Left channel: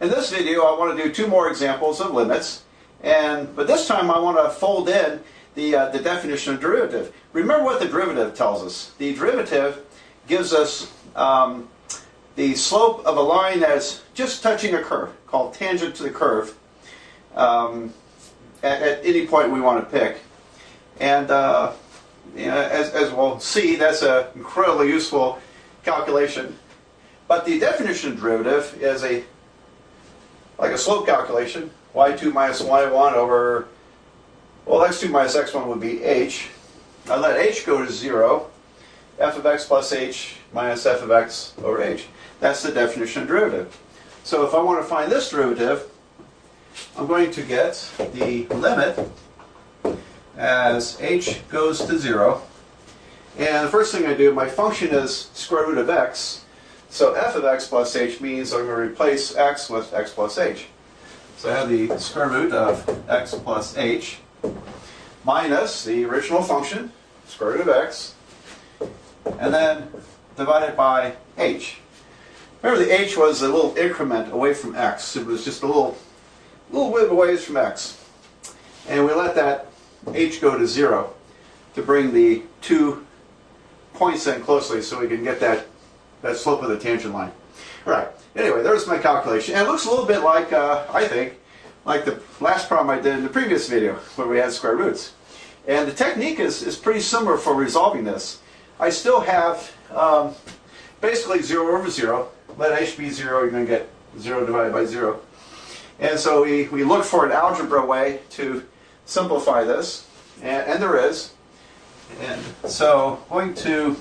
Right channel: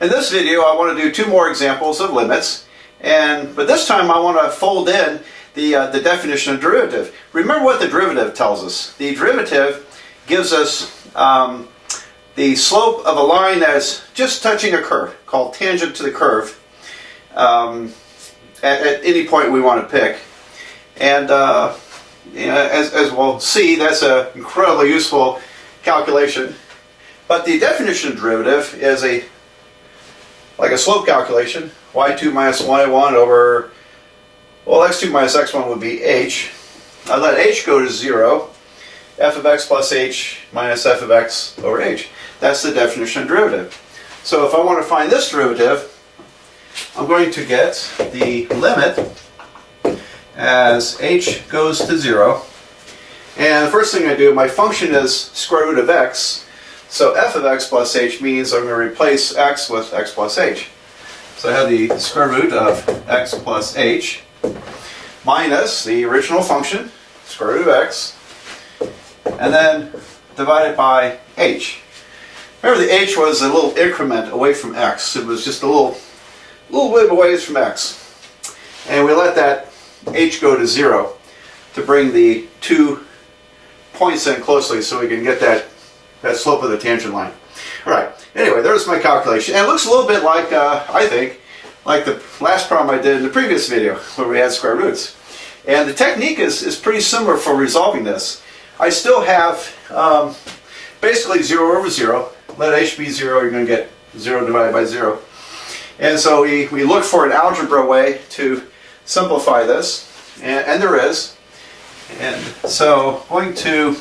In this video I want to do two more examples of limits, but this time I want to fold in the definition of derivative. Remember what the derivative tells us. The derivative gives us the slope of a line that's just touching a curve, called tangent to the curve, at any point we want to pick. And as we'll see, that's an incredibly useful calculation. But the definition of derivative is like a slope calculation. y2 minus y1 over, well, x2 minus x1 would be h. I let h go to 0. F of x plus h minus f of x over h. That's the definition of derivative. So if I want to find this derivative, I'm going to get the limit as h goes to 0. And the first thing I do, my function is square root of x. So f of x plus h means I'm going to replace x with x plus h. So I have the square root of x plus h minus the original function, square root of x, and then divided by h. Remember, the h was a little increment away from x. It was just a little bit away from x. And we let that h go to 0 to bring the 2 points in closely so we can get that slope of the tangent line. All right, anyway, there's my calculation. And it looks a little bit like, I think, like the last problem I did in the previous video where we had square roots. And the technique is pretty similar for resolving this. I still have basically 0 over 0. Let h be 0, you're going to get 0 divided by 0. And so we look for an algebra way to simplify this, and there is. And so I'm going to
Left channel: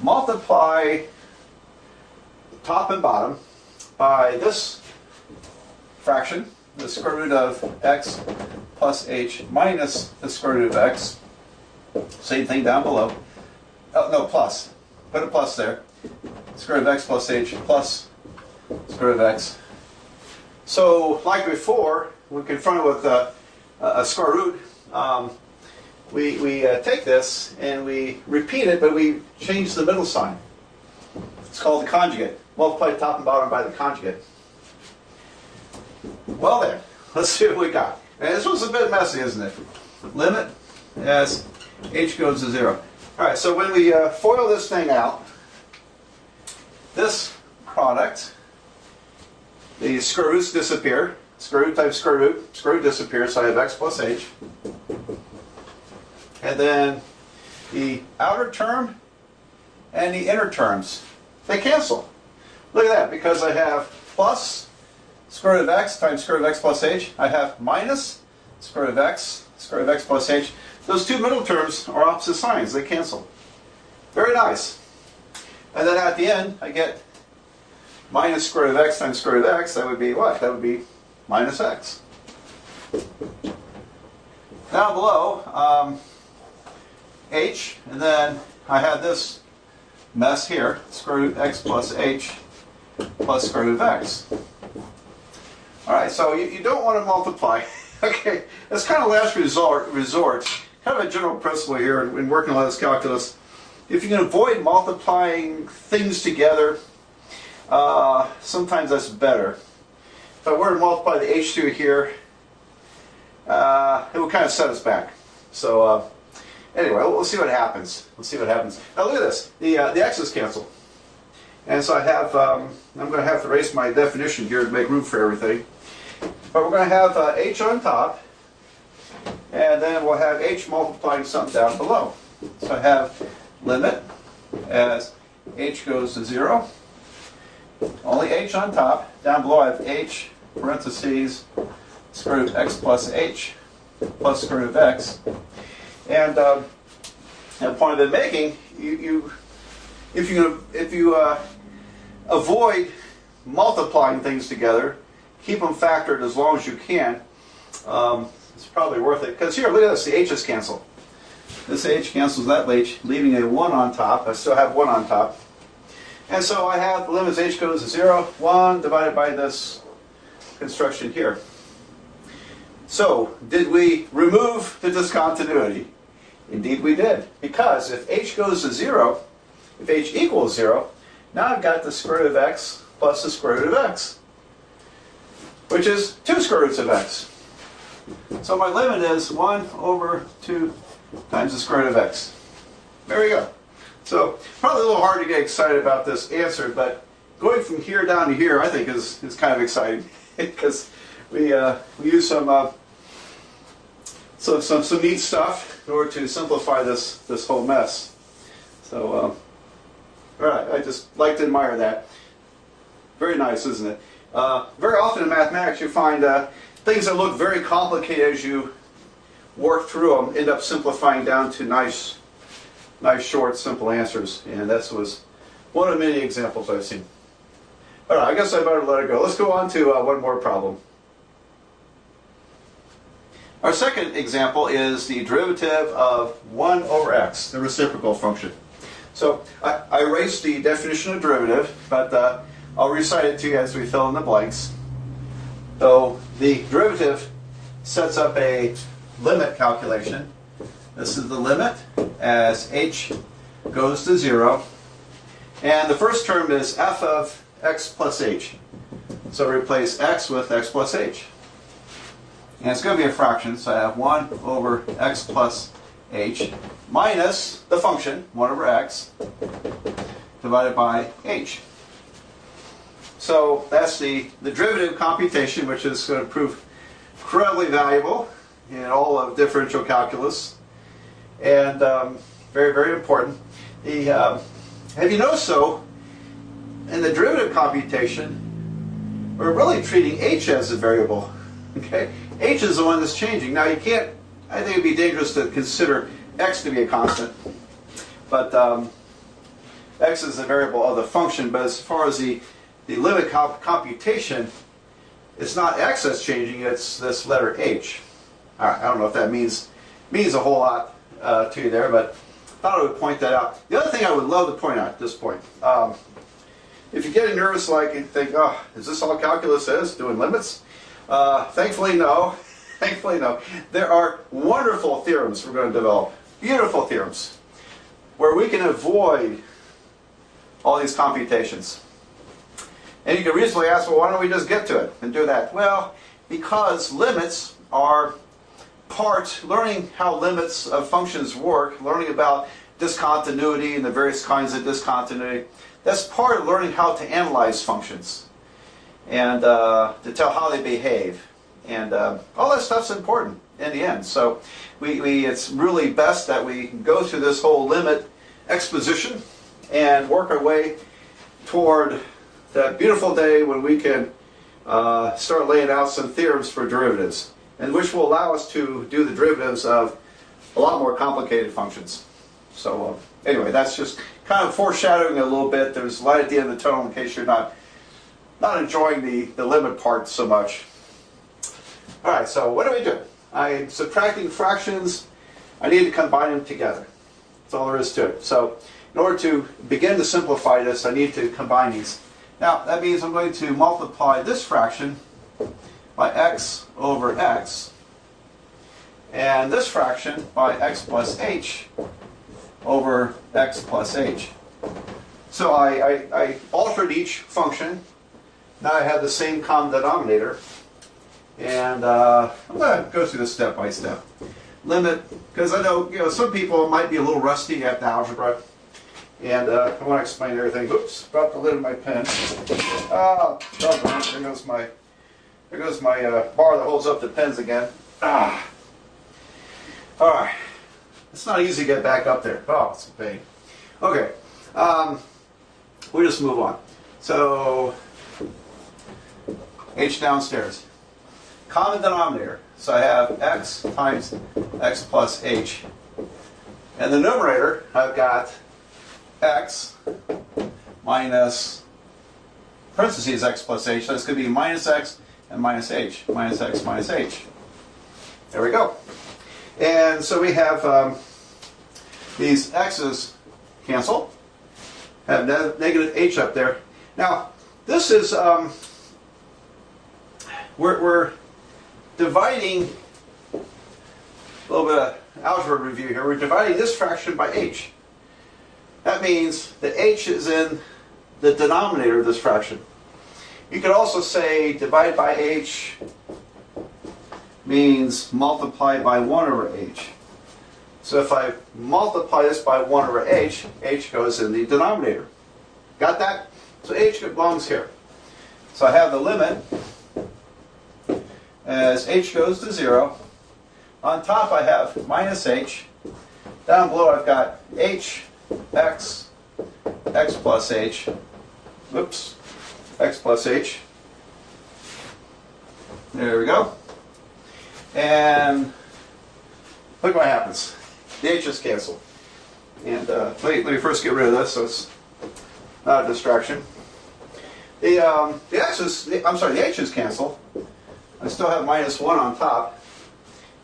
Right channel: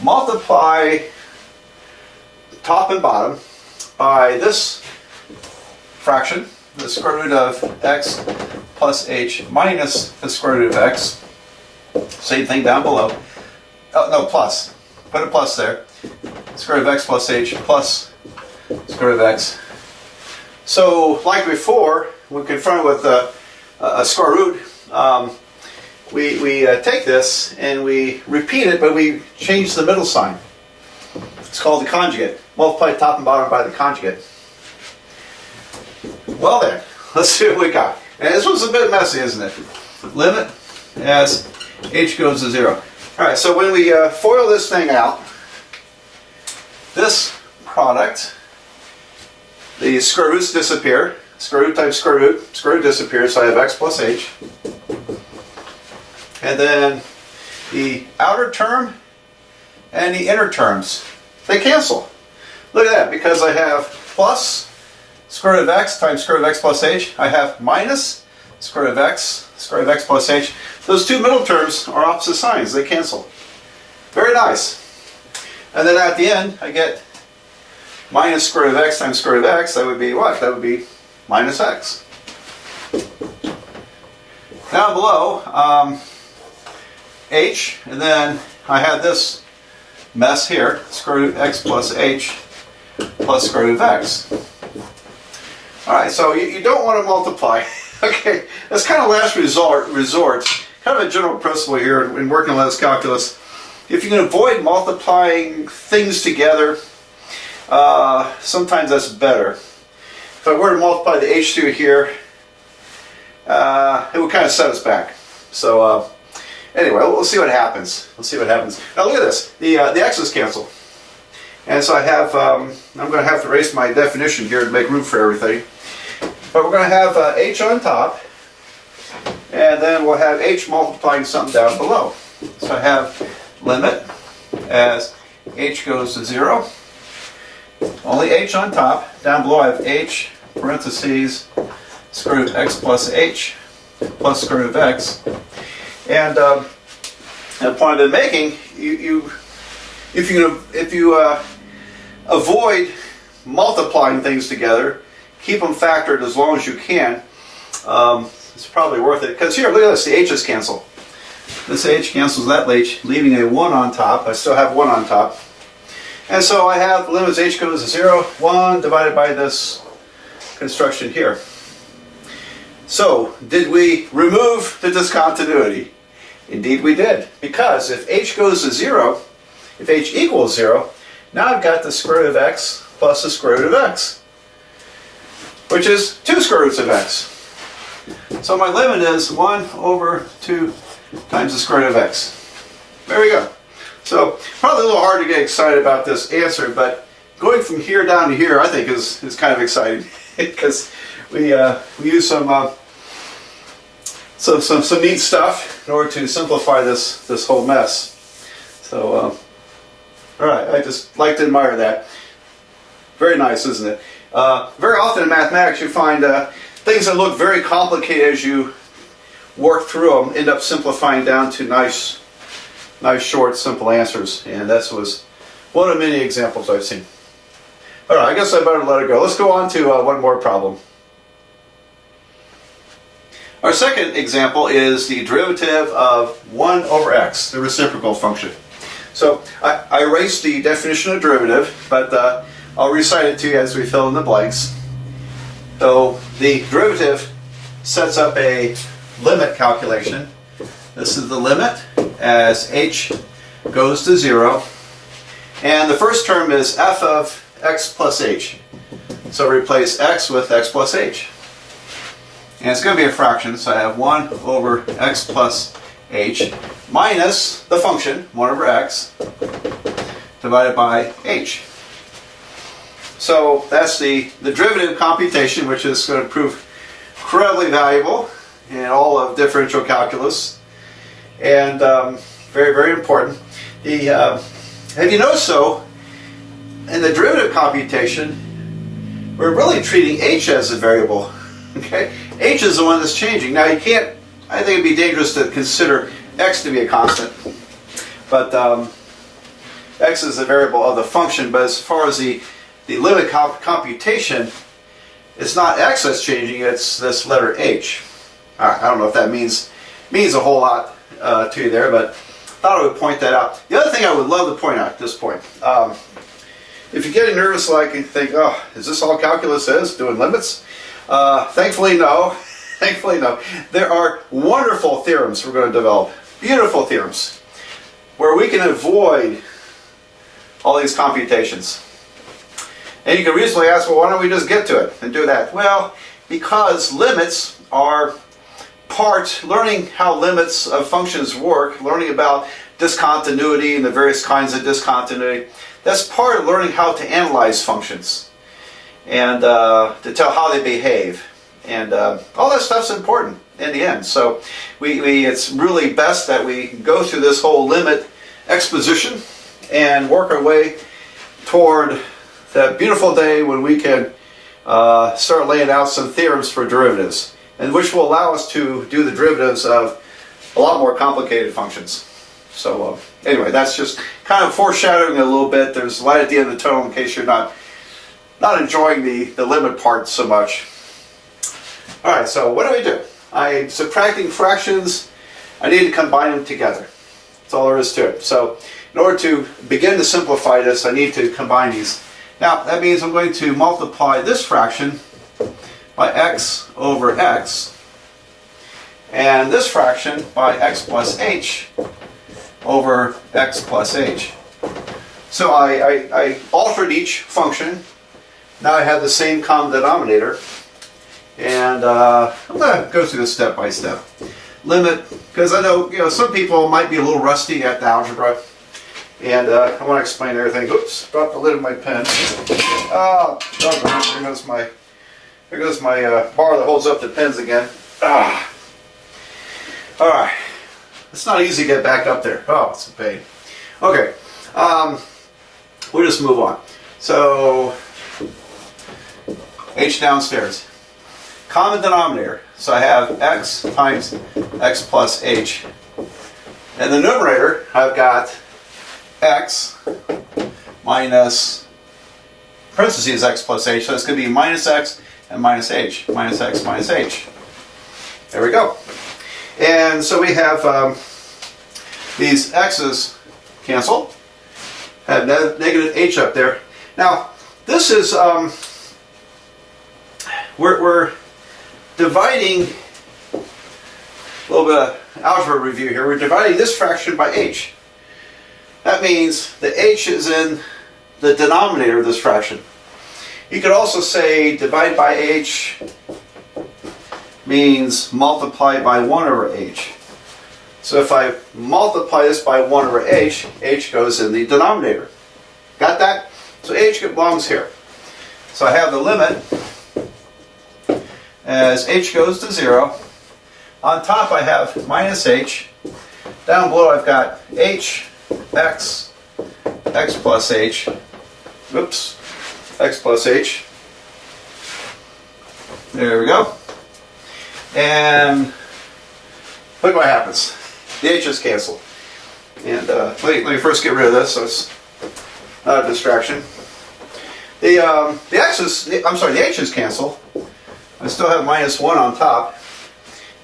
multiply top and bottom by this fraction, the square root of x plus h minus the square root of x. Same thing down below. Oh, no, plus. Put a plus there. Square root of x plus h plus square root of x. So, like before, when confronted with a square root, we take this and we repeat it, but we change the middle sign. It's called the conjugate. Multiply top and bottom by the conjugate. Well then, let's see what we got. And this was a bit messy, isn't it? Limit as h goes to 0. Alright, so when we FOIL this thing out, this product, the square roots disappear. Square root times square root disappears, so I have x plus h. And then the outer term and the inner terms, they cancel. Look at that, because I have plus square root of x times square root of x plus h. I have minus square root of x plus h. Those two middle terms are opposite signs, they cancel. Very nice. And then at the end, I get minus square root of x times square root of x. That would be what? That would be minus x. Down below, h, and then I have this mess here, square root of x plus h plus square root of x. Alright, so you don't want to multiply. Okay, that's kind of last resort. Kind of a general principle here in working on this calculus. If you can avoid multiplying things together, sometimes that's better. If I were to multiply the h through here, it would kind of set us back. So anyway, we'll see what happens. Let's see what happens. Now look at this. The x's cancel. And so I have, I'm going to have to erase my definition here to make room for everything. But we're going to have h on top, and then we'll have h multiplying something down below. So I have limit as h goes to 0. Only h on top. Down below I have h parentheses square root of x plus h plus square root of x. And the point I've been making, if you avoid multiplying things together, keep them factored as long as you can, it's probably worth it. Because here, look at this, the h's cancel. This h cancels that h, leaving a 1 on top. I still have 1 on top. And so I have the limit as h goes to 0, 1 divided by this construction here. So, did we remove the discontinuity? Indeed we did. Because if h goes to 0, if h equals 0, now I've got the square root of x plus the square root of x. which is 2 square roots of x. So my limit is 1 over 2 times the square root of x. There we go. So probably a little hard to get excited about this answer, but going from here down to here I think is kind of exciting because we use some neat stuff in order to simplify this whole mess. So all right, I just like to admire that. Very nice, isn't it? Very often in mathematics you find things that look very complicated as you work through them end up simplifying down to nice, short, simple answers. And this was one of many examples I've seen. All right, I guess I better let it go. Let's go on to one more problem. Our second example is the derivative of 1 over x, the reciprocal function. So I erased the definition of derivative, but I'll recite it to you as we fill in the blanks. So the derivative sets up a limit calculation. This is the limit as h goes to 0. And the first term is f of x plus h. So replace x with x plus h. And it's going to be a fraction, so I have 1 over x plus h minus the function, 1 over x, divided by h. So that's the derivative computation, which is going to prove incredibly valuable in all of differential calculus, and very, very important. Have you noticed, though, in the derivative computation, we're really treating h as a variable. Okay, h is the one that's changing. Now you can't. I think it'd be dangerous to consider x to be a constant, but x is a variable of the function. But as far as the limit computation, it's not x that's changing, it's this letter h. I don't know if that means a whole lot to you there, but I thought I would point that out. The other thing I would love to point out at this point, if you're getting nervous like and think, oh, is this all calculus is, doing limits? Thankfully no. Thankfully no. There are wonderful theorems we're going to develop, beautiful theorems, where we can avoid all these computations. And you can reasonably ask, well, why don't we just get to it and do that? Well, because limits are learning how limits of functions work, learning about discontinuity and the various kinds of discontinuity, that's part of learning how to analyze functions and to tell how they behave. And all that stuff's important in the end. So it's really best that we go through this whole limit exposition and work our way toward that beautiful day when we can start laying out some theorems for derivatives, and which will allow us to do the derivatives of a lot more complicated functions. So anyway, that's just kind of foreshadowing a little bit. There's light at the end of the tunnel in case you're not enjoying the limit part so much. All right, so what do? I'm subtracting fractions. I need to combine them together. That's all there is to it. So in order to begin to simplify this, I need to combine these. Now that means I'm going to multiply this fraction by x over x, and this fraction by x plus h over x plus h. So I altered each function. Now I have the same common denominator. And I'm going to go through this step by step. Limit, because I know some people might be a little rusty at the algebra, and I want to explain everything. Oops, dropped the lid of my pen. Oh, there goes my bar that holds up the pens again. Ah. All right, it's not easy to get back up there. Oh, it's a pain. Okay, we'll just move on. So h downstairs. Common denominator, so I have x times x plus h. And the numerator, I've got x minus, parentheses x plus h, so it's going to be minus x and minus h, minus x minus h. There we go. And so we have these x's cancel, have negative h up there. Now, this is, we're dividing, a little bit of algebra review here, we're dividing this fraction by h. That means the h is in the denominator of this fraction. You could also say divide by h means multiply by 1 over h. So if I multiply this by 1 over h, h goes in the denominator. Got that? So h belongs here. So I have the limit as h goes to 0. On top I have minus h. Down below I've got h, x, x plus h. Oops, x plus h. There we go. And look what happens. The h's cancel. And let me first get rid of this so it's not a distraction. The h's cancel. I still have minus 1 on top.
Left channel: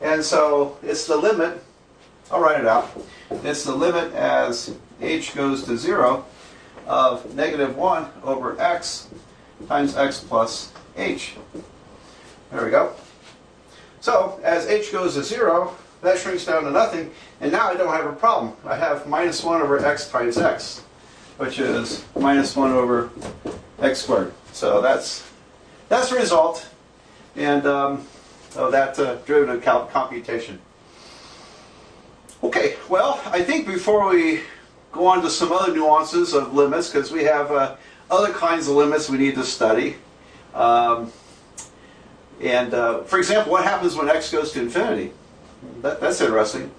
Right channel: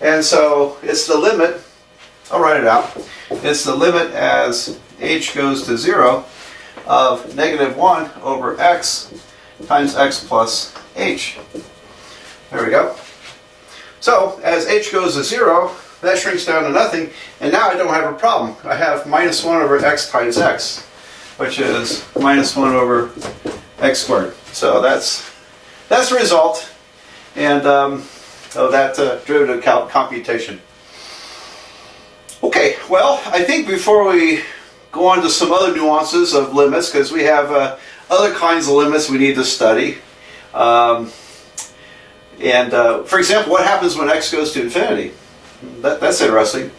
And so it's the limit, I'll write it out. It's the limit as h goes to 0 of negative 1 over x times x plus h. There we go. So as h goes to 0, that shrinks down to nothing, and now I don't have a problem. I have minus 1 over x times x, which is minus 1 over x squared. So that's the result and of that derivative computation. Okay, well, I think before we go on to some other nuances of limits, because we have other kinds of limits we need to study. For example, what happens when x goes to infinity? That's interesting.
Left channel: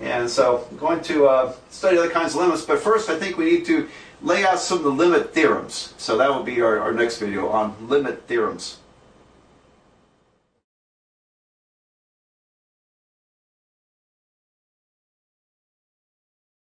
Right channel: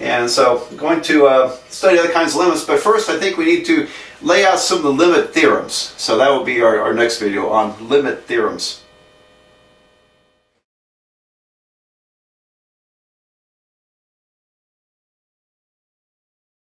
And so I'm going to study other kinds of limits, but first I think we need to lay out some of the limit theorems. So that will be our next video on limit theorems.